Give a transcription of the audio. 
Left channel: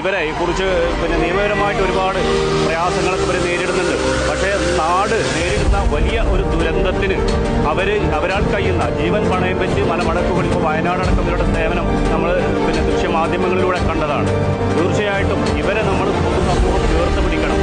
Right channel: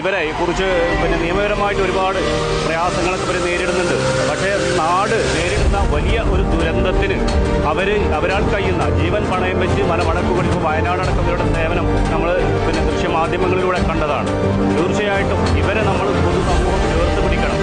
ഇവരെ കുറിച്ച് നിയമപരമായിട്ട് ഒരുപാട് പ്രയാസങ്ങളൊക്കെ ഇവർ നേരിടുന്നുണ്ട്. പക്ഷേ നാട് നേരിടുന്ന വലിയ ഒരു ദുരന്തത്തിന് അവരാൾ കഴിയുന്ന ജീവൻ പണയം വെച്ച് മലമടക്കുകളിൽ ഇപ്പോൾ വയനാടടക്കം ഇവരുടെ സേവനം നമ്മൾ ദൃശ്യമാധ്യമങ്ങളിലൂടെ കണ്ടതാണ്. തീർച്ചയായിട്ടും ഇവരെ നമ്മൾ പൊതുസമൂഹം ചേർത്ത് പിടിക്കണം.